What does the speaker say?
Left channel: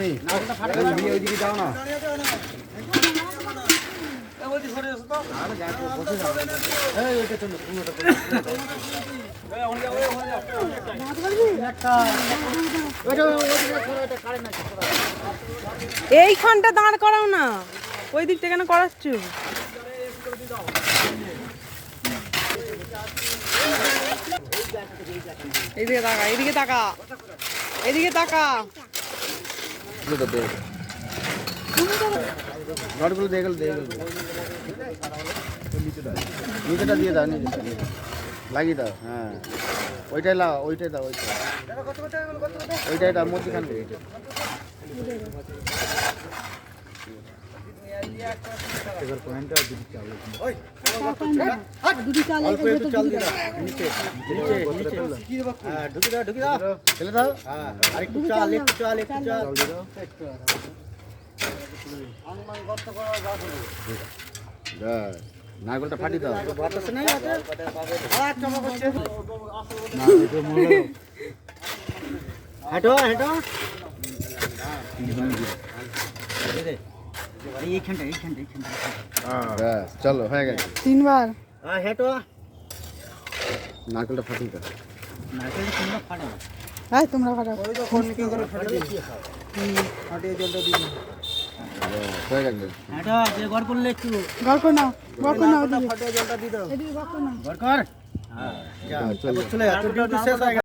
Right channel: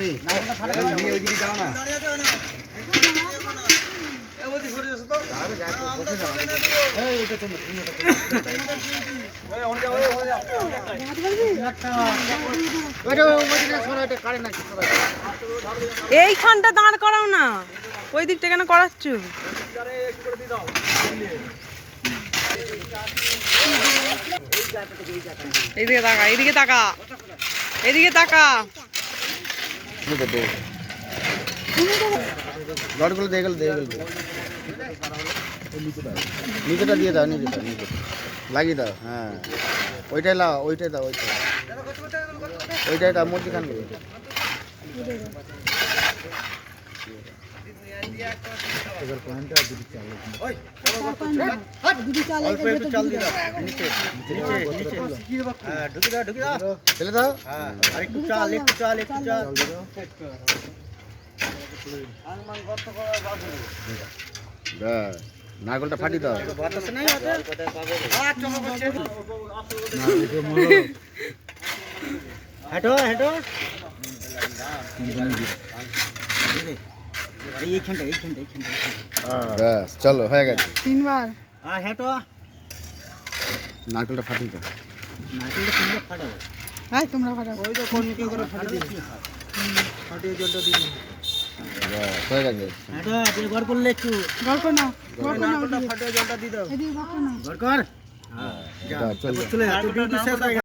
তুমি। না। এইখানটা দাঁড় করাও না। ওই দিকটা কেন করাচ্ছ? এইদিকে তাকা এইদিকে তাকা এইদিকে তাকা। রডগুলো দিয়ে গেল দিয়ে গেল নিচেটা দিয়ে দাও নিচেটা নিচে লাগিয়ে দাও হ্যাঁ ওইটাই লাও ওইটাই দাও ওইটাই ওইটাই দাও মধ্যখান এবার পয়েন্টটা দুটি চাল চাল দিয়ে দাও। নিচে হ্যাঁ ঢুকে দাও ঢুকে দাও। ফেলে দাও। হ্যাঁ আরেকটু চাল একটু চাল একটু চাল। ব্যাস, ফাটি দাও। হেঁটো হেঁটো। ব্যাস চলো হয়ে গেছে। তিনবার। হেঁটো। নারকেলটা ফাটি দাও। হ্যাঁ তোমরা ফাটাও। ব্যাস, হয়ে গেছে। গল্প না গল্প না এদিকে গল্প না। চলো।